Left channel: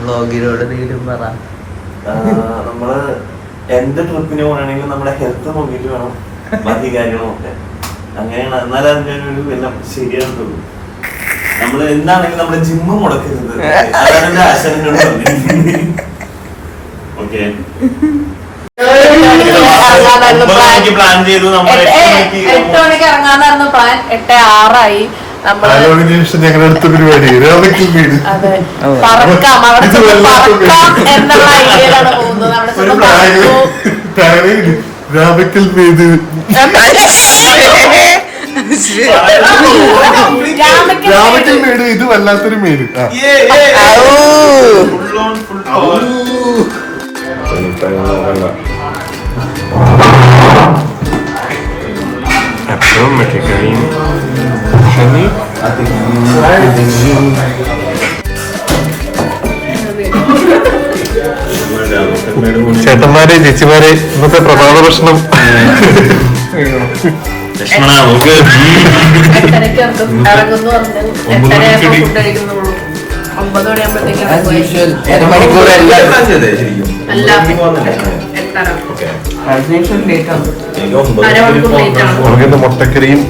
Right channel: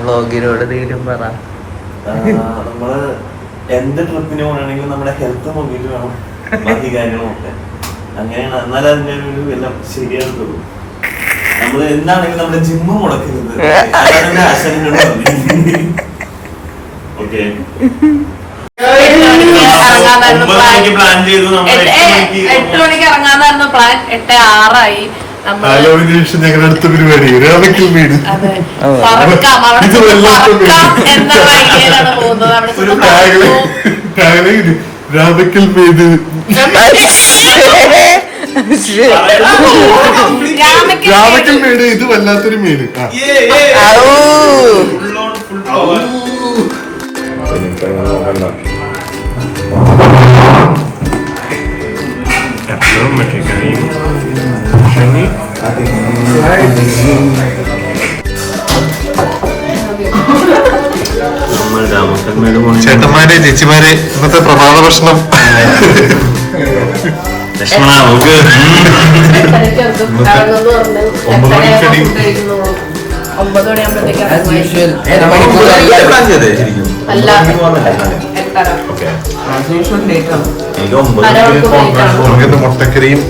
വ്ളോഗിനോട് എന്തെങ്കിലും പറ. നമ്മള് എന്ത് ട്രിപ്പിന് പോകണമെങ്കിലും നമ്മുടെ ഹെൽത്ത് നോക്കിയിട്ട് വേണം ബാക്കി കാര്യങ്ങളൊക്കെ. അങ്ങനെയാണ്, എന്നാലും അതിന്റെ ഒരു എല്ലാം ശരിയാകുള്ളൂ. നമ്മള് എന്താണെങ്കിലും നമ്മുടെ ജിമ്മ് മുടക്കരുത്. അതാണ് ആശാനോട് പറഞ്ഞത്. ഓക്കെ, പ്ലാൻ ചെയ്തു. നമ്മൾ 8 മണിക്ക് ഇറങ്ങാന്നായിരുന്നു പ്ലാൻ. 8:06 ഞങ്ങളുടെ അടുത്ത പരിപാടി രാവിക്കൽ വീട്. പറക്കാം, അവിടെ പറക്കാം എന്നുള്ള ഐഡിയയിലാണ് പോകുന്നത്. അവിടെ രാവിക്കൽ വീട് രാവിക്കൽ മേട്. ഇത് വല്ലാത്തൊരു മേട്. ചേട്ടന്മാരെ ചേച്ചിമാരെ, ഇന്നത്തെ പ്രഭാത ഭക്ഷണം നമുക്കിന്ന് മുട്ടക്കറിയും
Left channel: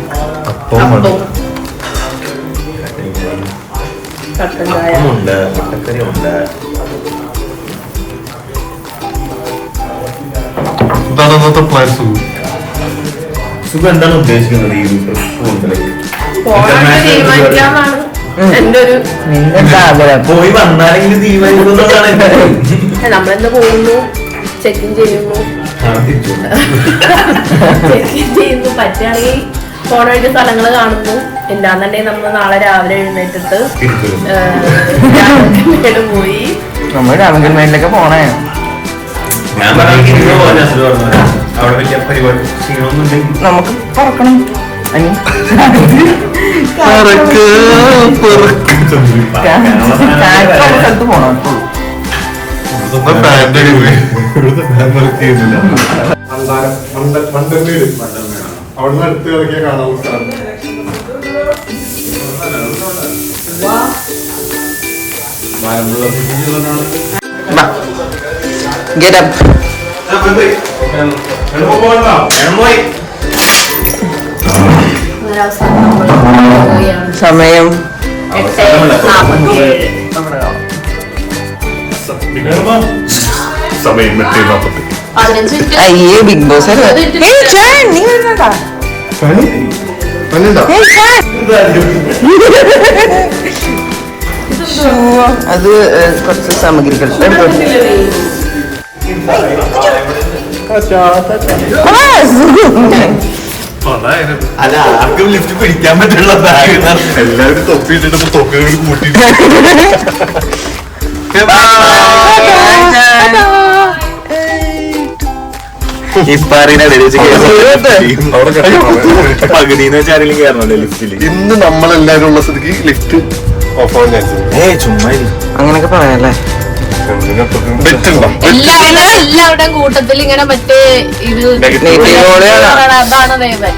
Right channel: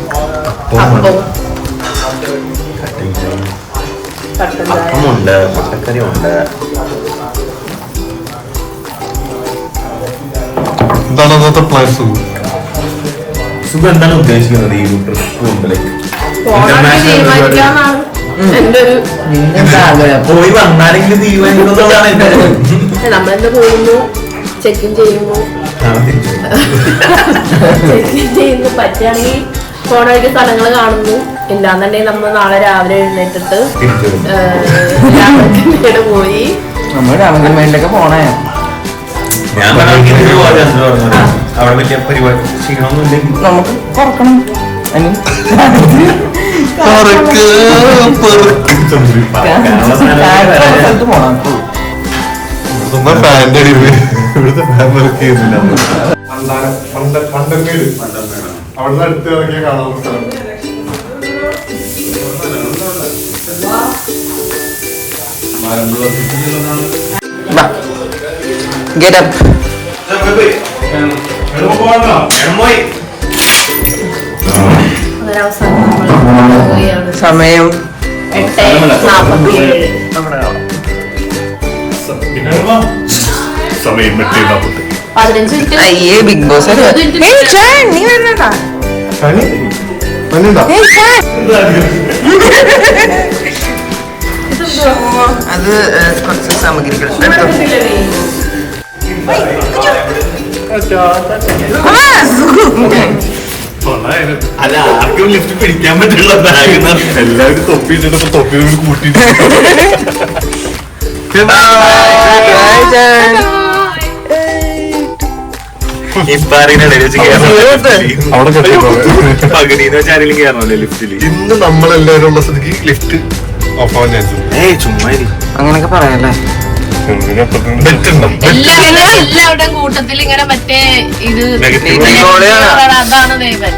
എന്താണ് ഇന്നത്തെ പ്ലാൻ? സുഖം എന്താണ് ഉദ്ദേശിക്കുന്നത് ഈ ട്രിപ്പ്? തീരുമാനിക്കാന്നാണ് എന്റെ ഒരു. പോയി വന്നാലെങ്കിൽ തീരുമാനിക്കുന്നതാണ്. നമ്മളെന്ത് പോകുന്നു, ചെക്കിൻ ചെയ്യുന്നു, ചെക്കിൻ ചെയ്യുന്നു. പറ്റുകയാണെങ്കിൽ പോണായിട്ട് സ്ഥലങ്ങൾ കാണുന്നു. ഇല്ലാന്നുണ്ടെങ്കിൽ നമ്മൾ നാളെ രാവിലെ എഴുന്നേറ്റിട്ട് രാമക്കൽമേട് പോയി. നമ്മൾ രാമക്കൽമേടിലൊക്കെ പോണേ. നമുക്ക് പറക്കണം. സ്ഥലത്ത് പോണം. അവിടുന്ന് അടുത്ത് ഇറങ്ങിയ കാണാവുന്ന സ്ഥലം. Get up. സമയം അയ്യേ ബിഗ് ബോസ് അത് കുറച്ച് സാമഗ്രികൾ അല്ല, ആർക്കും ലിഫ്റ്റ് പിടിക്കാൻ പറ്റുള്ള ബാഗ് എല്ലാവരും തൊപ്പിട്ടിട്ട് തൊപ്പിയോട് കൂട്ടി. പകുതിന്ന് വെച്ച് ആരെങ്കിലും കയറണല്ലോ ലിഫ്റ്റിൽ. ഇന്ന് നമ്മളെല്ലാവരും ഉള്ള സ്ഥിതിക്ക് ലിഫ്റ്റ് ഓഫ് ആവാൻ ചാൻസ്. ചുമ്മാ അങ്ങനൊക്കെ പറയാല്ലേ. എല്ലാവരുടെ കൂട്ടത്തിൽ ഇങ്ങനെ മറ്റേ ഇത് അതാണ് ദേവൻ.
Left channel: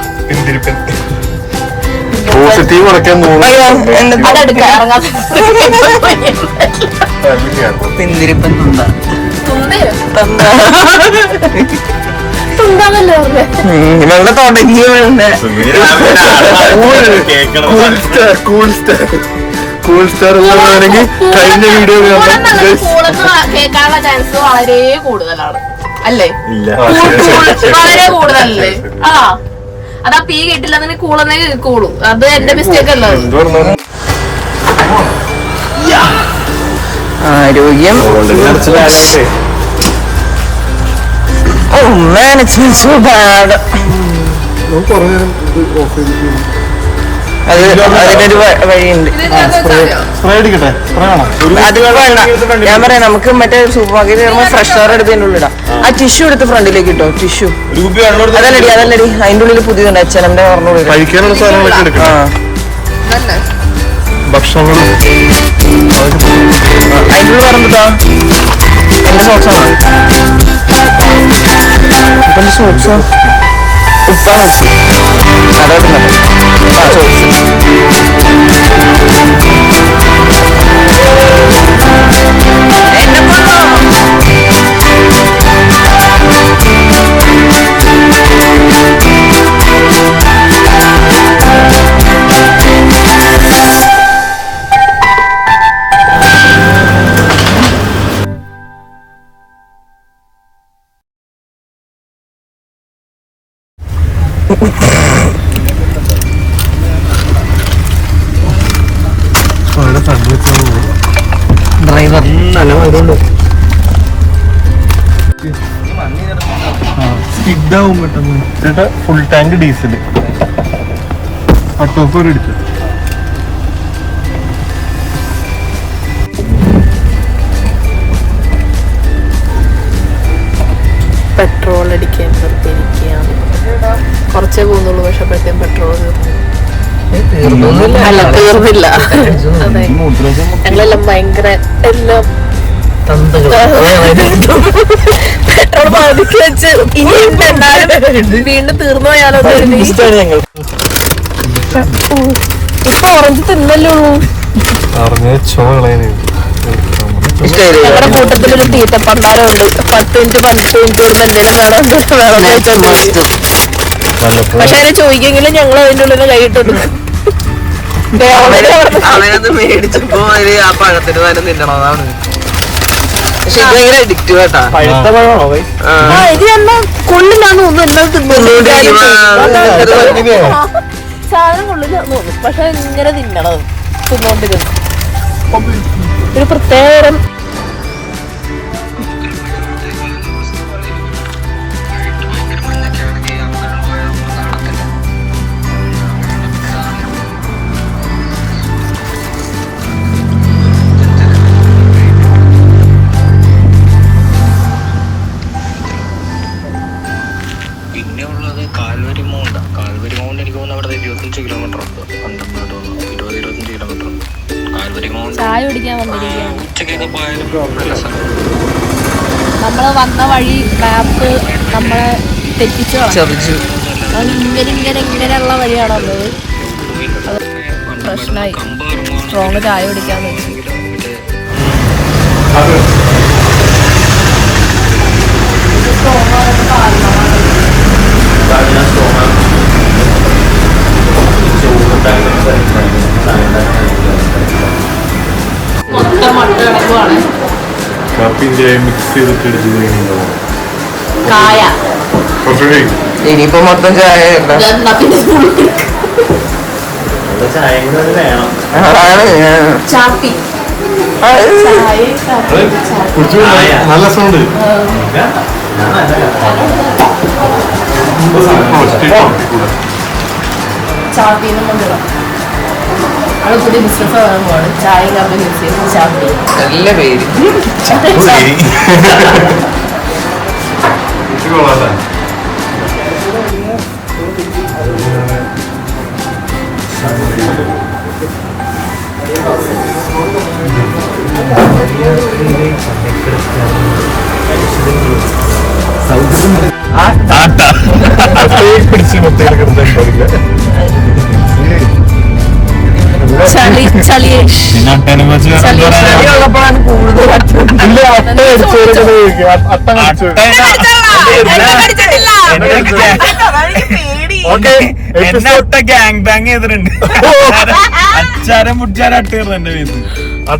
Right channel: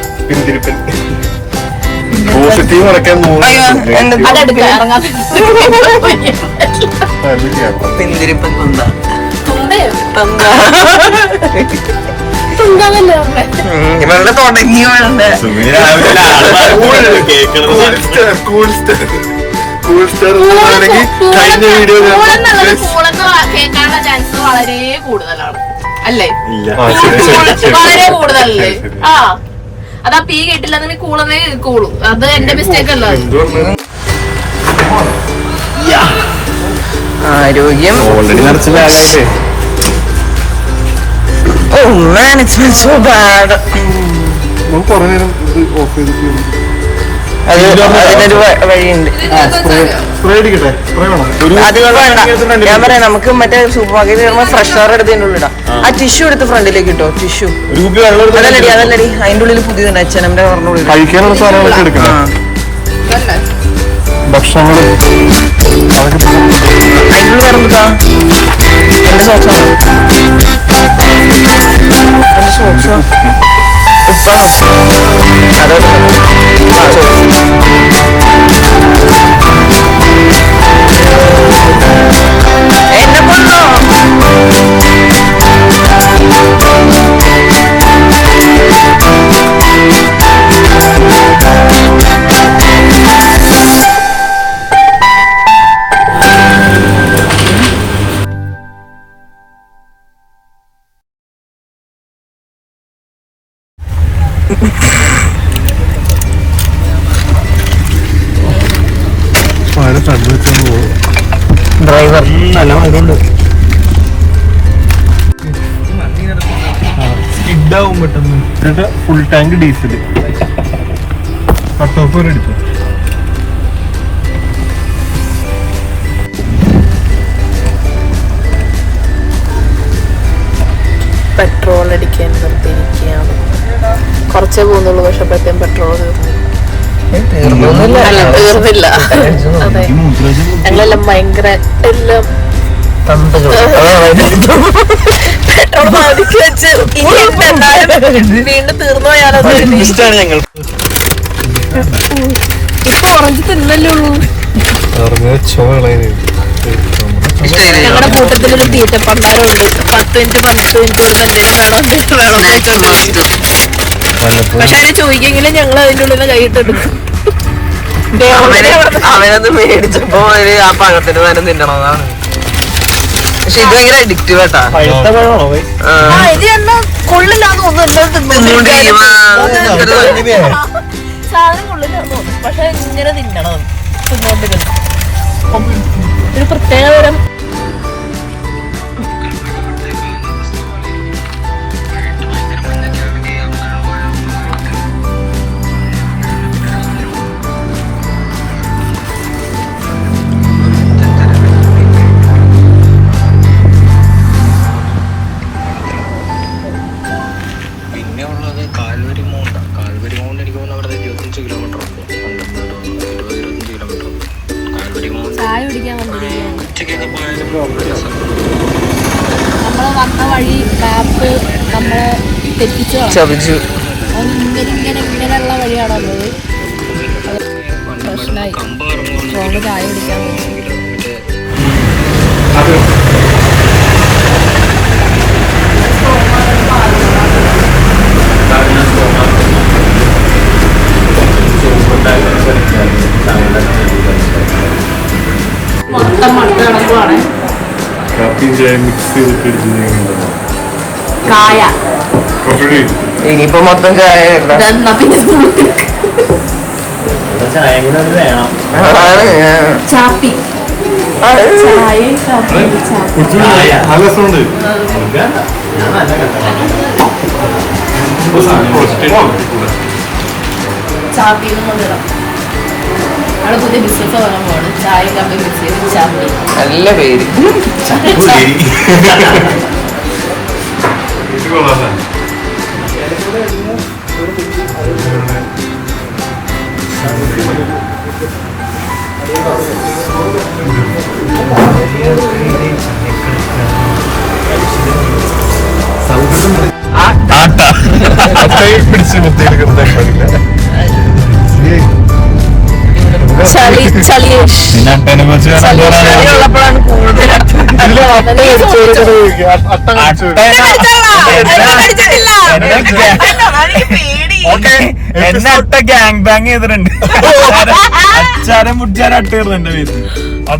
പോസിറ്റീവ് ഉറക്കാൻ വെള്ളം തുടങ്ങി കഴിഞ്ഞ വീഡിയോ കേൾക്കാനുള്ള ചാൻസ് വളരെ കൂടുതലാണ് അല്ലേ? വളരെ കൂടുതലല്ലേ? ആ, അതാ പീ കേട്ടില്ല, കൂളെന്നേ കേൾക്കുള്ളൂ. അത് എന്റെ മിസ്റ്റേക്ക് അല്ല. ആരോഗ്യം. Oh man, it smells so bad. അതിനൊരു വഴിയുണ്ട്. അതിപ്പോ വേണ്ട, ഞാൻ പറയാം. നമുക്ക് മറ്റേ സൂപ്പർ മാർക്കറ്റ് കയറുമ്പോ ഫ്രഷർ എടുത്തതിന്റെ ഉള്ളിടാം. ആ ടിഷ്യൂ എടുത്ത് ഫ്രണ്ടിലേക്ക് ഇട്ടോ. ടിഷ്യൂ അതല്ലടി അതിന്റെ ഉള്ളിൽ പുതിയതുണ്ട്. അച്ഛനമ്മന്റെ പറഞ്ഞോളൂ. ഭക്ഷണങ്ങള് അതിന്റെ ഉള്ളിൽ പറഞ്ഞതാ എന്റെ സോക്സാണ്. എന്റെ സോക്സോ ഉപ്പാണ്. അതോട്ട് ആ സോക്സ് ഡ്രൈവർ നല്ല മഴയുണ്ട്. ഇതാവും കേട്ടോ. ഫുൾ ടാങ്ക് ഡീസൽ അട്ടോപ്പൂർ എടുത്തു. പെട്രോൾ അടിക്കാൻ നിർത്തിയിരിക്കുകയാണ്. കുറച്ചേ പോകുന്നുള്ളൂ, പക്ഷെ അപ്പോഴത്തേക്കും പെട്രോൾ തീർന്നില്ല. അതെ, ഞങ്ങളെല്ലാം ഭയങ്കര എല്ലാം പെട്രോൾ ബാധിക്ക് വെച്ച് ഇനി വീണ്ടും തീർന്നു പോയാലോ. ഇപ്പൊ ഓറഞ്ച് തിന്നല്ലേ ഉള്ളൂ. ഞങ്ങളുടെ കൂട്ടത്തിലൊരു തീറ്റപ്പണ്ടാരമുണ്ട്. 10 മിനിറ്റ് 15 മിനിറ്റ് വരുന്ന എന്തെങ്കിലും വേണം. പക്ഷെ അതിനെ ചോദിക്കെങ്കിലും ഞങ്ങൾ അതിൻ്റെ ഉള്ളിൽ കൈയിട്ടെടുക്കും. അവനത് മേടിച്ചപ്പോ ആ പഴത്തിന് തന്നെ തിന്നണതാണ്. പക്ഷെ ഇത് ഭയങ്കര അഡിക്റ്റീവ് ആട്ടാ. പഴുത്ത പഴമാണോ? ഇത് തന്നെ കൊള്ളില്ലാന്ന് പക്ഷെ ഇങ്ങനെ തിന്നണം, തിന്നോണ്ടിരുന്നു. ഒരു പ്രത്യേക തരം ചായ കുടിക്കാൻ വന്നിരിക്കുകയാണ്. നമ്മള് വന്ന വഴി മാപ്പ് നമ്മളെ തെറ്റിച്ചു ചതിച്ചു. ഇങ്ങനെയുള്ള വഴിയാണുള്ളത്. പ്രശ്നമായി. സ്ട്രോങ് ചായ കുടിക്കാൻ വേണ്ടി ഇനിയിപ്പോ മൊത്തം ചായ ചാപ്പി നല്ല രസമുണ്ട്. ചാപ്പി അവിടെ പുതിയ ബിസിനസ് വരാൻ പോവാണ്. ചായ മിക്സ് ചെയ്ത് ചാപ്പി. നല്ല പേര്. ഉള്ളപ്പോഴാണ് ഗ്യാങ് ബാങ് ചെയ്തിട്ടുണ്ട്.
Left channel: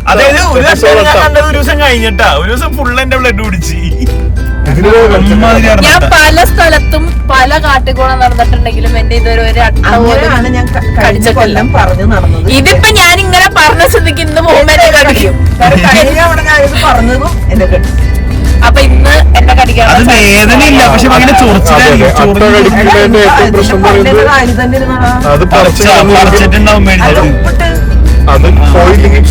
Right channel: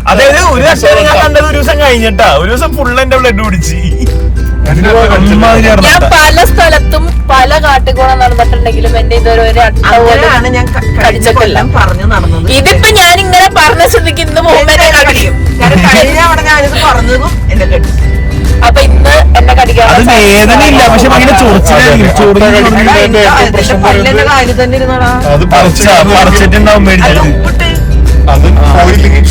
അതായത് ഒരു വർഷം ഞാൻ കണ്ടത് ഒരു ദിവസം കഴിഞ്ഞിട്ടാ. ഒരു ദിവസം ഫുൾ എന്റെ ബ്ലഡ് കുടിച്ച്. ഞാൻ പല സ്ഥലത്തും പല കാട്ടിക്കൂടെ നടന്നിട്ടുണ്ടെങ്കിലും എന്റെ ഇതൊരു ഞാൻ കടിച്ചിട്ടില്ല പറഞ്ഞു നടന്നത്. ഇതിപ്പോ ഞാൻ ഇങ്ങനെ പറഞ്ഞ സ്ഥിതിക്ക് ഇന്ന് പോകുമ്പോ എന്നെ കടിക്കും. ഞാനിത് പറഞ്ഞതും എന്നെ കടിച്ചു. അപ്പൊ ഇന്ന് എന്നെ കടിക്കാനുള്ള അത് പോയില്ലെങ്കിൽ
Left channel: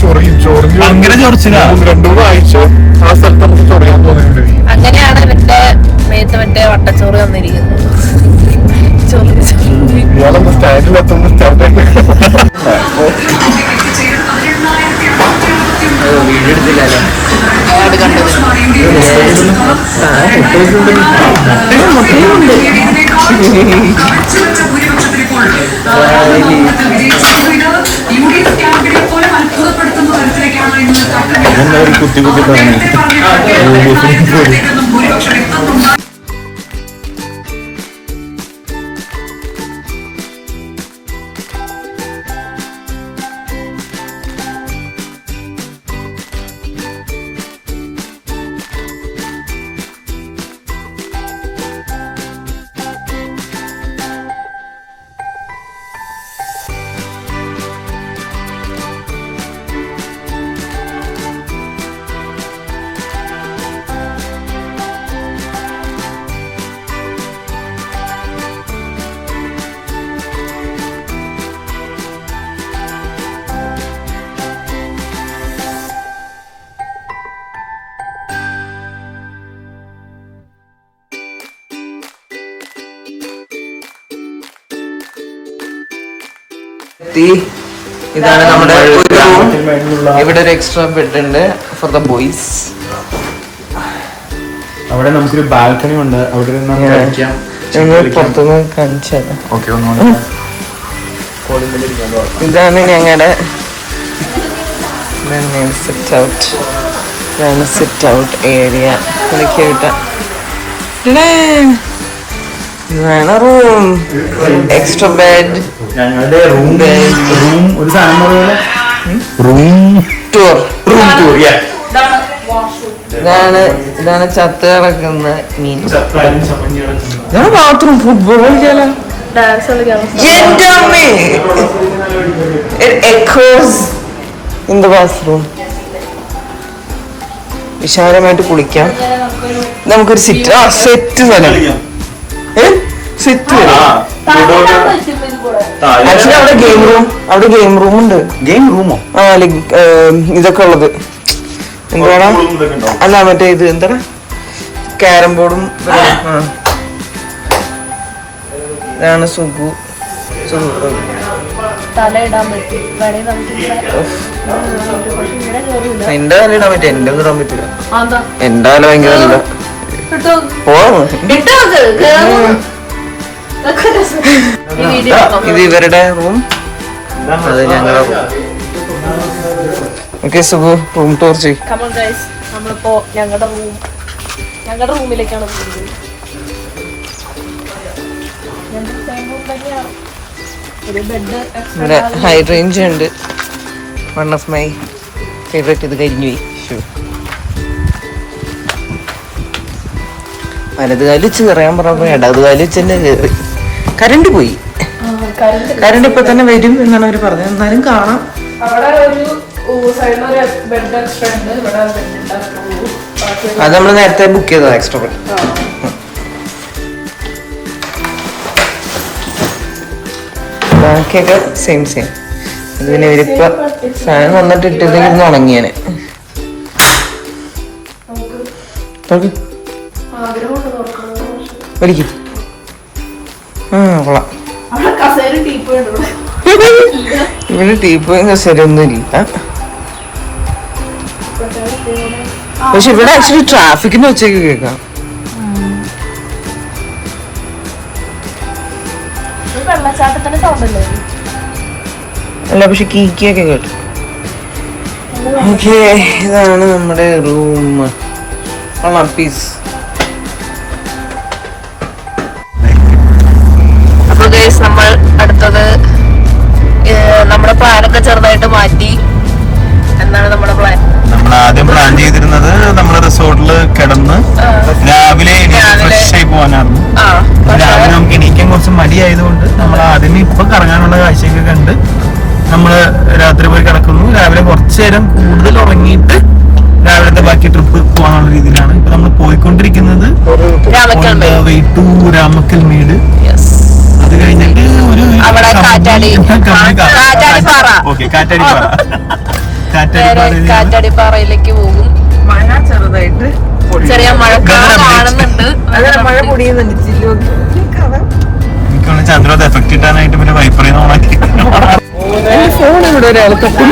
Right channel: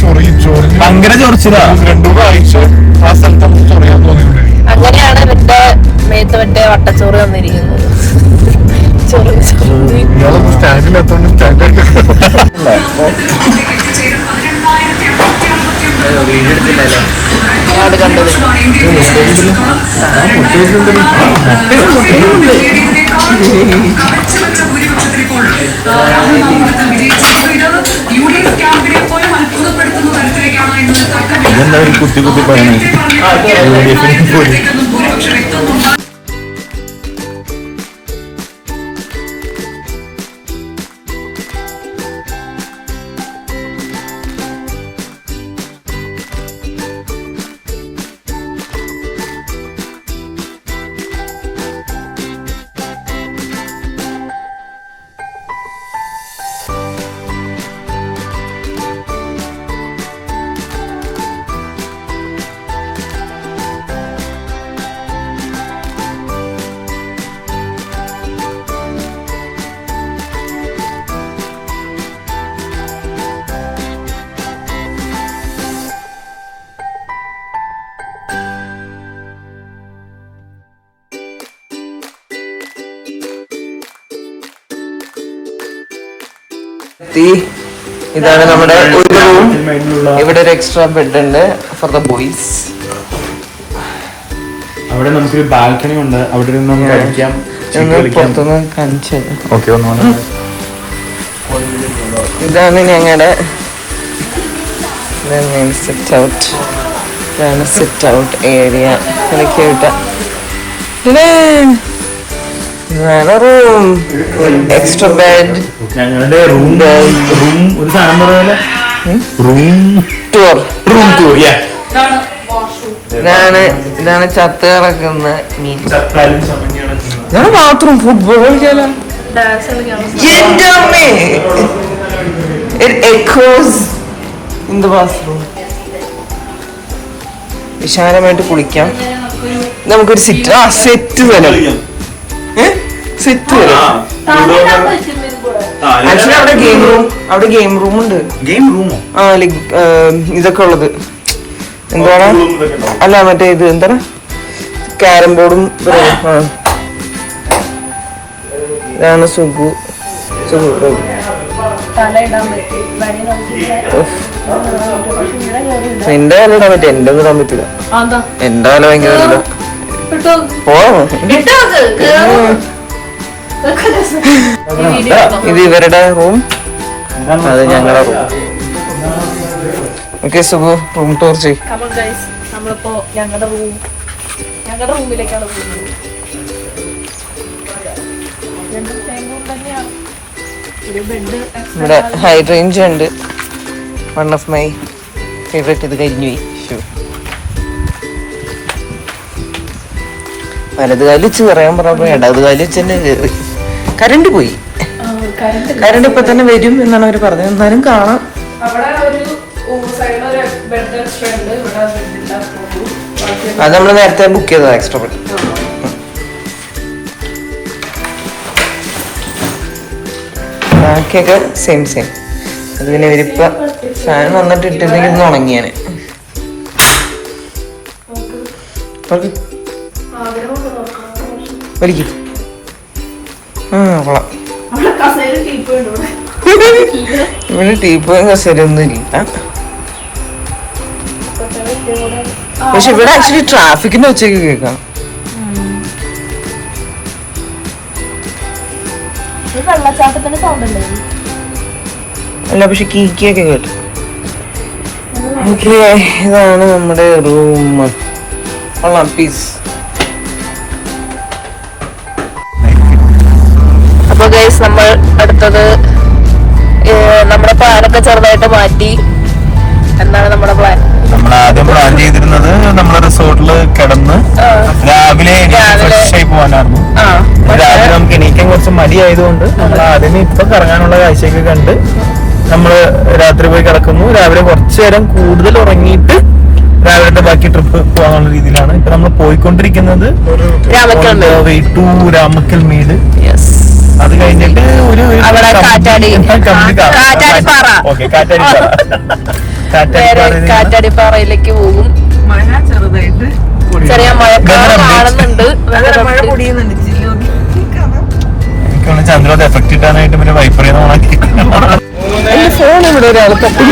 ഭയങ്കര ചൊറിച്ചില്ല. 2-3 ആഴ്ച ആ സ്ഥലത്ത് നമുക്ക് ചൊറിയാൻ തോന്നിയിട്ടുണ്ട്. അങ്ങനെയാണ് ഇവന്റെ മേത്ത് മറ്റേ വട്ടച്ചോറ് വന്നിരിക്കുന്നത്. ഞാൻ കണ്ടത് കുത്തി കുത്തി പറഞ്ഞു. ഇതാണ് നമ്മുടെ ഒരു റൂം. ഇവിടെ ഒരു എക്സ്ട്രാ ബെഡ് ഉണ്ട് ഫോർ ദ ബോയ്സ്. അവിടെ നമുക്കൊരു ബാൽക്കണി ഉണ്ട്. അവിടെ പുറത്തുനിന്ന് കാണിച്ചത്. ഓക്കെ, ഇതാണ് ഞങ്ങളുടെ സിറ്റ് ഔട്ട്. ഇതാണ് സിറ്റ് ഔട്ട് ഏരിയ. ഇതാണ് റൂം. Extra bed. ഞങ്ങളുടെ റൂം ഒരു സാധനം പോലെ റൂം ടൂർ. ടൂർ. ഇതാണ് ചത്ത് കിടക്കുന്ന മീൻ. ഞാൻ ബാത്റൂം ഫുട്ബോൾ കളിക്കാലോ. എന്റെ അമ്മേ, it echoes in the bathroom. വിശാലമായിട്ട് കുളിക്കാം. നമുക്കൊരു സെറ്റ് വരും. സെറ്റ് വരും. ആക്ച്വലി അവിടെ ഗെയിം റൂം ഉണ്ട്. ഗെയിം റൂമോ? ആ, ലൈക് ഇതൊക്കെ ഉള്ളത്. എന്താണ്? അല്ല, മറ്റേ ഇത് എന്താണ്, ക്യാരം ബോർഡും. ഇതാണ് സുഖു. നിന്റെ കാലം ഇടാൻ പറ്റും, എന്റെ ഒന്നും ഇടാൻ പറ്റില്ല. എന്റെ കാലം ഭയങ്കര ഇല്ല. ഇത് ഇവരുടെ റൂം, അത് ഞങ്ങളുടെ room. Okay Sukhu, room tour ചെയ്യും. നമ്മളിപ്പോ ഞങ്ങളുടെ റൂമിലേക്കാണ് പോകുന്നത്. ഇവിടെ ഹൈ റേഞ്ച് ഉണ്ട്. One of my favourite. ഇത് കരിഞ്ഞു വലത് കാലി വെച്ച് പറയാൻ പറഞ്ഞപ്പോ ഇടത് കാലി വെച്ച് തന്നെ കയറി. കരണ്ട് പോയി. കരണ്ട് ഇപ്പൊ തന്നെ വരും എന്നാണ് അവര് പറഞ്ഞത്. എന്നാലും കാണാം. അത് നമ്മൾ നേരത്തെ ബുക്ക് ചെയ്തതാ, എക്സ്ട്രാ ബെഡ്. ബാക്കിയൊക്കെ സെയിം. അത് പിന്നെ ഇവരിപ്പോ ഫാൻ വന്നിട്ട് ഇട്ടിരുന്നെങ്കിൽ ഉണങ്ങിയാന്. വലിക്കും. കൊള്ളാം. ഇവിടെ ടീപ്പോയും കസേരയൊന്നും ഇല്ല. പക്ഷെ ഇവിടെ ആക്ച്വലി ട്രാഫിക്കിന്റെ ഉച്ചയ്ക്ക് കേൾക്കാം. അല്ല, പക്ഷെ കീക്കിയൊക്കെ കേട്ടു. ഓക്കെ, ഇതാണ് നമ്മുടെ റൂം. കൊള്ളാം, പീസ്. അപ്പൊ ഗൈസ്, നമ്മൾ അടുത്തത് നമ്മുടെ പ്ലാനൊക്കെ ചെറുതായിട്ട് മാറ്റി. എന്താണ് നമ്മുടെ പ്ലാൻ? നമ്മൾ ആദ്യം പ്ലാൻ ചെയ്തിരുന്നത് നമ്മുടെ റിസോർട്ടിൽ കിടന്ന് രാവിലെ പോകാനായിരുന്നു. രാവിലെ നമുക്ക് എണീക്കാൻ കുറച്ച് മടിയായതുകൊണ്ട് നമ്മൾ ആദ്യമേ ഇപ്പൊ കറങ്ങാനുള്ള കാഴ്ചയൊക്കെ കണ്ട് നമ്മള് രാത്രി പോയി കിടക്കുന്നു. രാവിലെ കുറച്ചു നേരം കൂടുതൽ ഉറങ്ങിയിട്ട് രാവിലത്തെ ബാക്കി ട്രിപ്പ് പോകാനുള്ള രീതിയിലാണ് ഇപ്പൊ നമ്മൾ പോയിക്കൊണ്ടിരിക്കുന്നത്. ടു രാമക്കൽ മേട്. അത് കഴിഞ്ഞിട്ട് ഒരു കാറ്റാടിപ്പാറയിലേക്ക് പോകും. മഴ ചെറുതായിട്ട് ചെറിയ മഴക്കാറ് കാണുന്നുണ്ട്. ചന്ദ്രോത് എഫക്ട് ഇട്ടാനായിട്ട് പിന്നെ വൈപ്പർ എന്റെ ഫോൺ ഇവിടെ ഒരാൾ തട്ടി.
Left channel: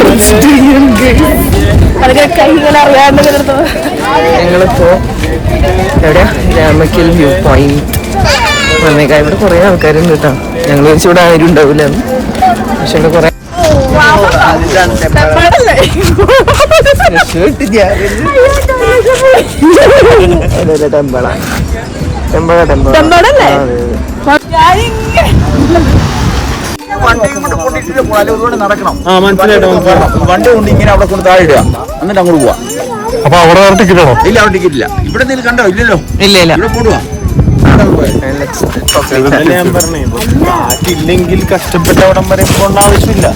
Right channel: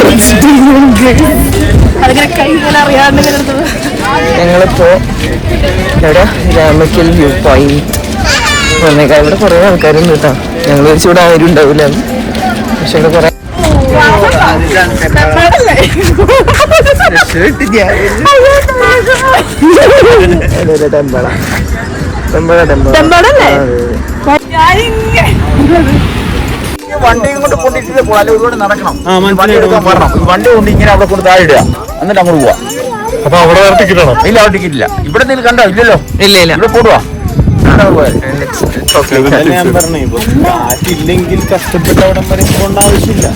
ഞങ്ങളിപ്പോ എവിടെ രാമക്കൽ വ്യൂ പോയിന്റ് വന്നേക്കാം. ഇവിടെ കുറെ ആൾക്കാരുണ്ട് കേട്ടോ. ഞങ്ങൾ വെച്ച് ഇവിടെ ആരും ഉണ്ടാവില്ല. പക്ഷെ ഇവിടെ കുറെ വണ്ടിയും കൊണ്ട് പൊട്ടിട്ട് പോലെ ഒരുപാട് നടക്കണം. മനസ്സിലായിട്ട് വണ്ടി കൊണ്ട് ഇങ്ങനെ അവിടെ കൊണ്ട് താഴെ ഇടുക, എന്നിട്ട് അങ്ങോട്ട് പോവാ. അപ്പൊ അവിടെ ടിക്കറ്റ് ആണോ? ഇല്ല, അവിടെ ടിക്കറ്റ് ഇല്ല. ഇവിടെ നിങ്ങൾ കണ്ടോ? ഇല്ലല്ലോ. ഇല്ല ഇവിടെ പോടുവാ. ഞാൻ പറഞ്ഞേ, കാറ്റില്ലെങ്കിൽ കഷ്ടപ്പെട്ട അവിടം വരെ പോകേണ്ട ആവശ്യമില്ല.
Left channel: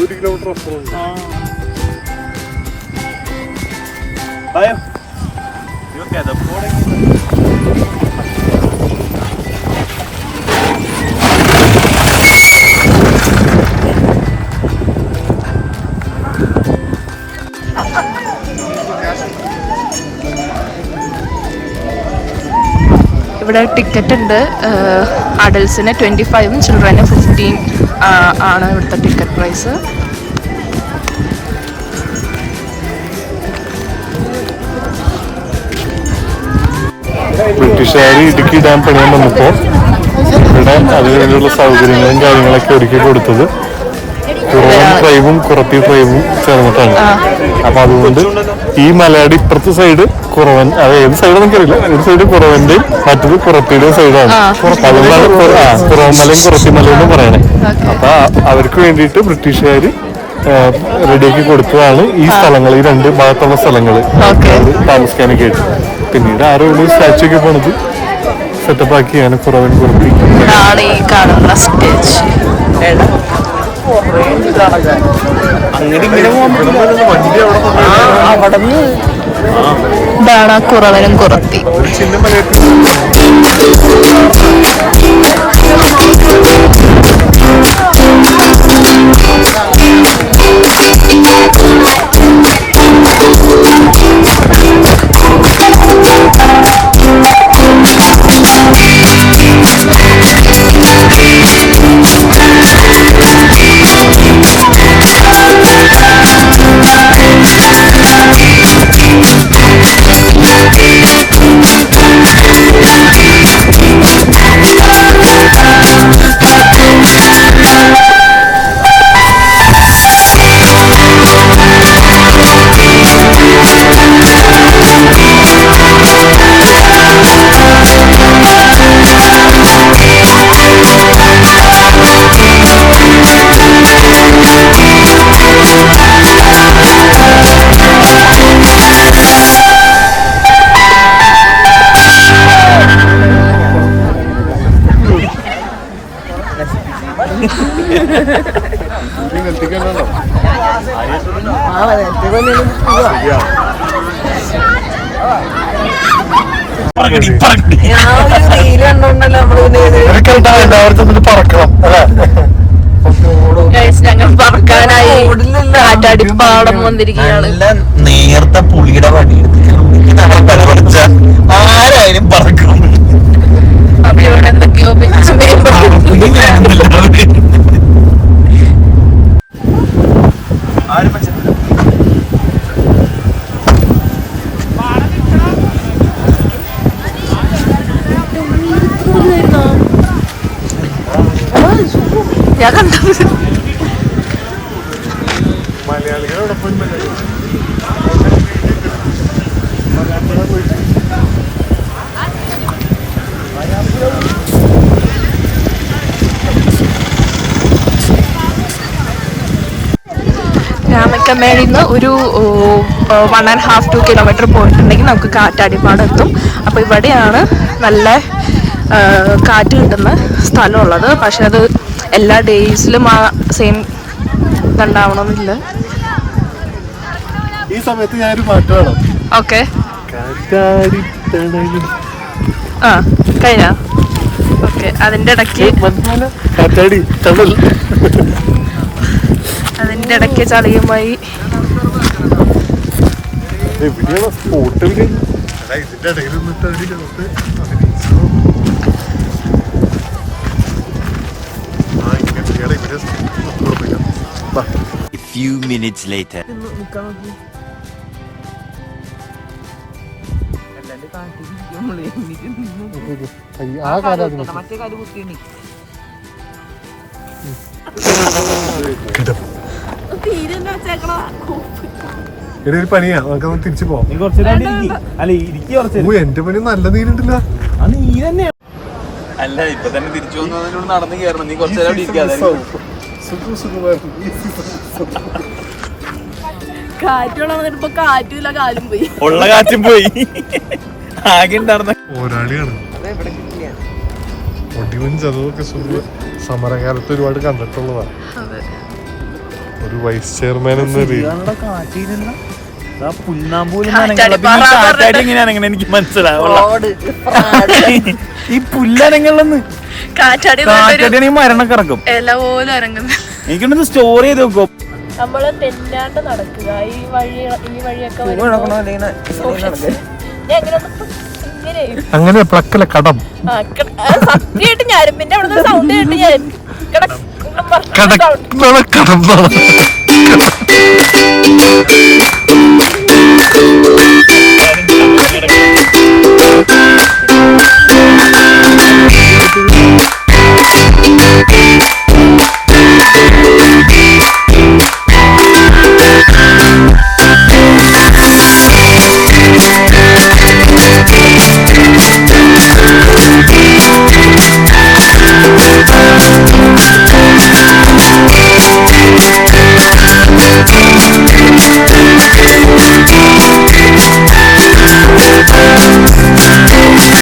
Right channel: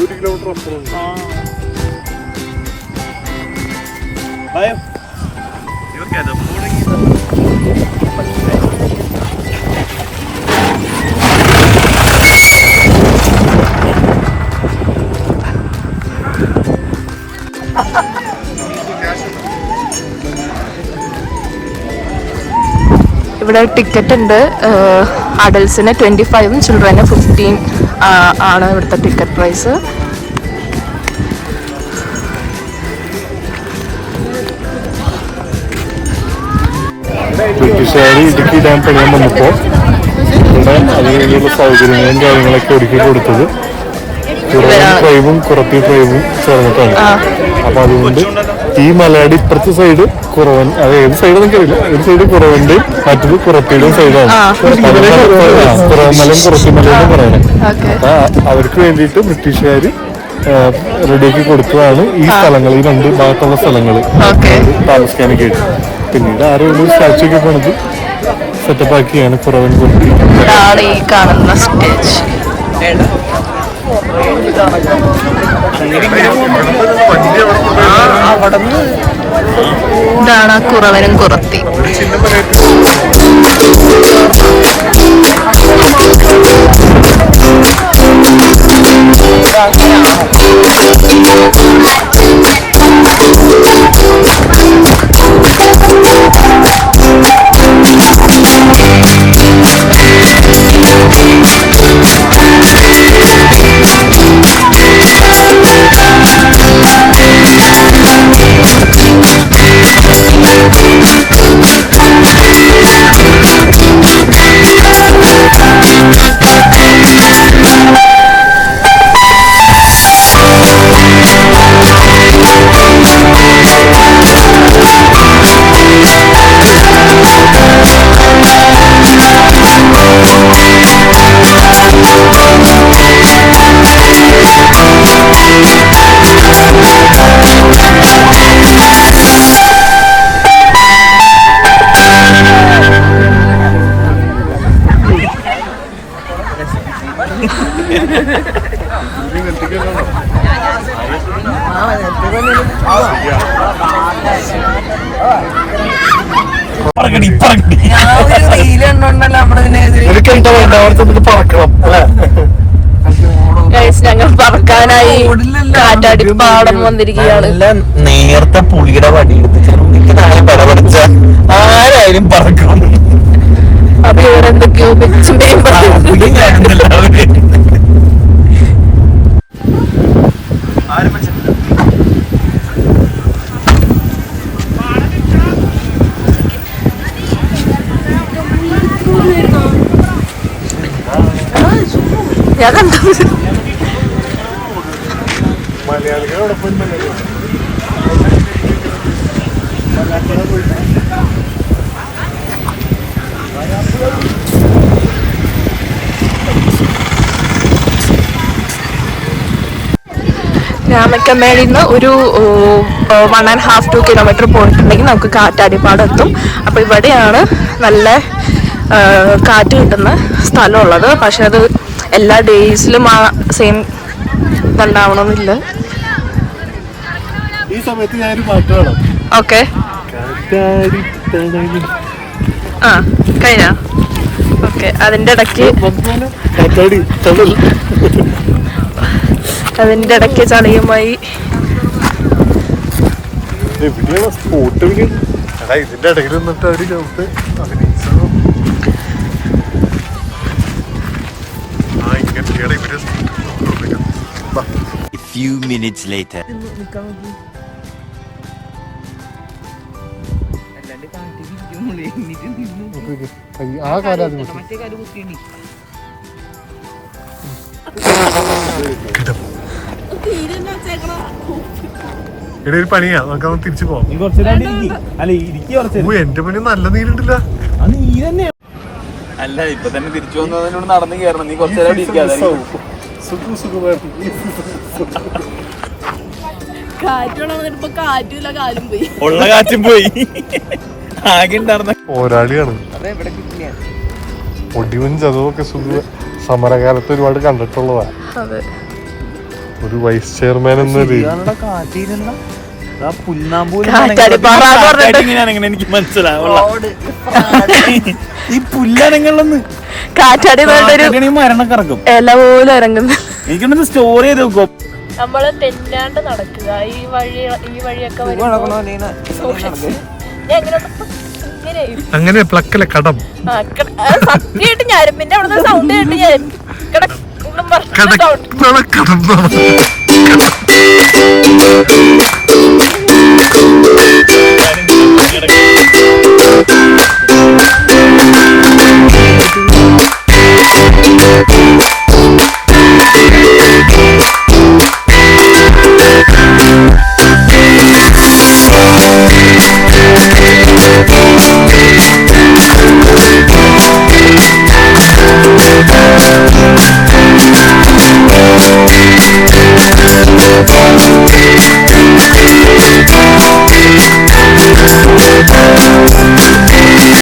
ഒരു കിലോമീറ്റർ അപ്പുറം. ഇവിടെ ടിക്കറ്റ് ഉണ്ട്. അഡൽസിന് 25 ചിൽഡ്രന് 15 ആണ് ഇവിടുത്തെ ടിക്കറ്റ് പ്രൈസ്. ബ്രിട്ടീഷുകാർ ഇടുക്കി ഡാം പണിയാൻ വന്നപ്പോൾ ഇവിടെ അതിനുള്ള സൗകര്യങ്ങളും കാര്യങ്ങളൊക്കെ ഒരുക്കി കൊടുത്തത് കുറവൻ ട്രൈബും കുറത്തി ട്രൈബും ചേർന്നിട്ടാണ്. അപ്പൊ അതുകൊണ്ട് ഈ മലയുടെ ഇപ്പുറത്തെ സൈഡ് കുറവൻ, അത് ഏത് സൈഡ് നമുക്കറിയില്ല, ഒരു സൈഡ് കുറവന്റെയും മറ്റൊരു കുറത്തിയുടെയും സൈഡാണ്. അതുകൊണ്ടാണ് കുറവമലയും കുറത്തിമലയും എന്ന് പറയുന്നത്. അപ്പൊ അവർക്ക് വേണ്ടിയിട്ട് ബ്രിട്ടീഷുകാര് റെഡിയാക്കി കൊടുത്തതാണ് ഈ സ്ഥലങ്ങൾ, ഈ രണ്ട് ഭാഗത്തുള്ള സ്ഥലങ്ങൾ താമസിക്കാനൊക്കെ ആയിട്ട്. പിന്നീട് ആരോ ഒരു സ്റ്റാച്ചു ഒക്കെ പണിത് സെറ്റപ്പ് ആക്കിയാണ് കുറവൻ കുറത്തി. ഈ കാണുന്ന സ്റ്റേജ് ഇതാണ് കുറവനും കുറത്തി. ഞങ്ങൾ പറക്കാനായി കാറ്റാടിപ്പാടം വന്നിരിക്കുകയാണ്. നേരത്തെ പുളിയുടെ വടി ആരായാലും പറക്കും. അപ്പൊ ഇവരെന്തൊക്കെയോ ഞാൻ കണ്ടത്. രാമക്കമ്മേളിൽ നിന്ന് ഒരു 1.5-2 കിലോമീറ്റർ പോയിട്ടുണ്ടെങ്കിൽ നമുക്ക് കാറ്റാടിപ്പാടം എത്തും. അപ്പോൾ ഇവിടെയാണ് നല്ല കാറ്റ് കിട്ടുന്ന സ്ഥലമുള്ളത്. പക്ഷെ അത് എല്ലാ ഡേയ്സിലും ആ സെയിം ഇതുണ്ടാവണമെന്നില്ല. ഈ സമയത്ത് ഞാനൊരു പാട്ട് പാടാം. ഓക്കെ, ആ കഴിഞ്ഞ ഓക്കെ. അതിൻ്റെ ഇടയ്ക്ക് ചളിയുമായി ഇതിന്റെ ഇടയ്ക്ക് നിന്നിട്ട് ഒരു ലോട്ട് അഭിനയിച്ചത്. A few minutes later. ആ കാര്യം ഒരു പണിയാ, നമുക്കത് തിരിച്ചു പോവാം. എന്റെ പണി നല്ല നീരുണ്ടല്ല. അല്ല, ഇപ്പൊ തന്നെ തിരിച്ചു വന്നതിനോട് നടന്നു കയറണം. നീ കുറച്ചു നേരം ഇരിക്കാതെ കാറ്റില്ല, കാലും പോയി, ഉള്ള കാറ്റും പോയി. ആകെ ഉണ്ടായിരുന്ന പോരാളിയാണ്. ഒടിവും ചതവൊക്കെ സമരകാലത്ത് ഒരുപാട് കണ്ടിട്ടുള്ളതാണ്. ഒരു വൈസ് ചെയർമാൻ എന്ന കാറ്റാടി എങ്ങനെയാണെങ്ങനെ എനിക്ക് മനസ്സിലാവുള്ള ഈ പുല്ലനങ്ങളിലൊന്ന് കാറ്റാടി മരണൊക്കെ ഇറക്കും. എനിക്കൊന്ന് സ്റ്റോർ ചെയ്ത് വെക്കും. നമ്മള് തെന്നാണ്ട് നടക്കുക. ഈ വഴിയൊക്കെ വരുമ്പോ ഞാൻ ഇങ്ങനെ അങ്ങനെ പ്ലക്കല കടം സത്യമായിട്ട് ഞരമ്പിന്റെ അവിടെ സൗണ്ട് കേട്ട് ഞാൻ കടം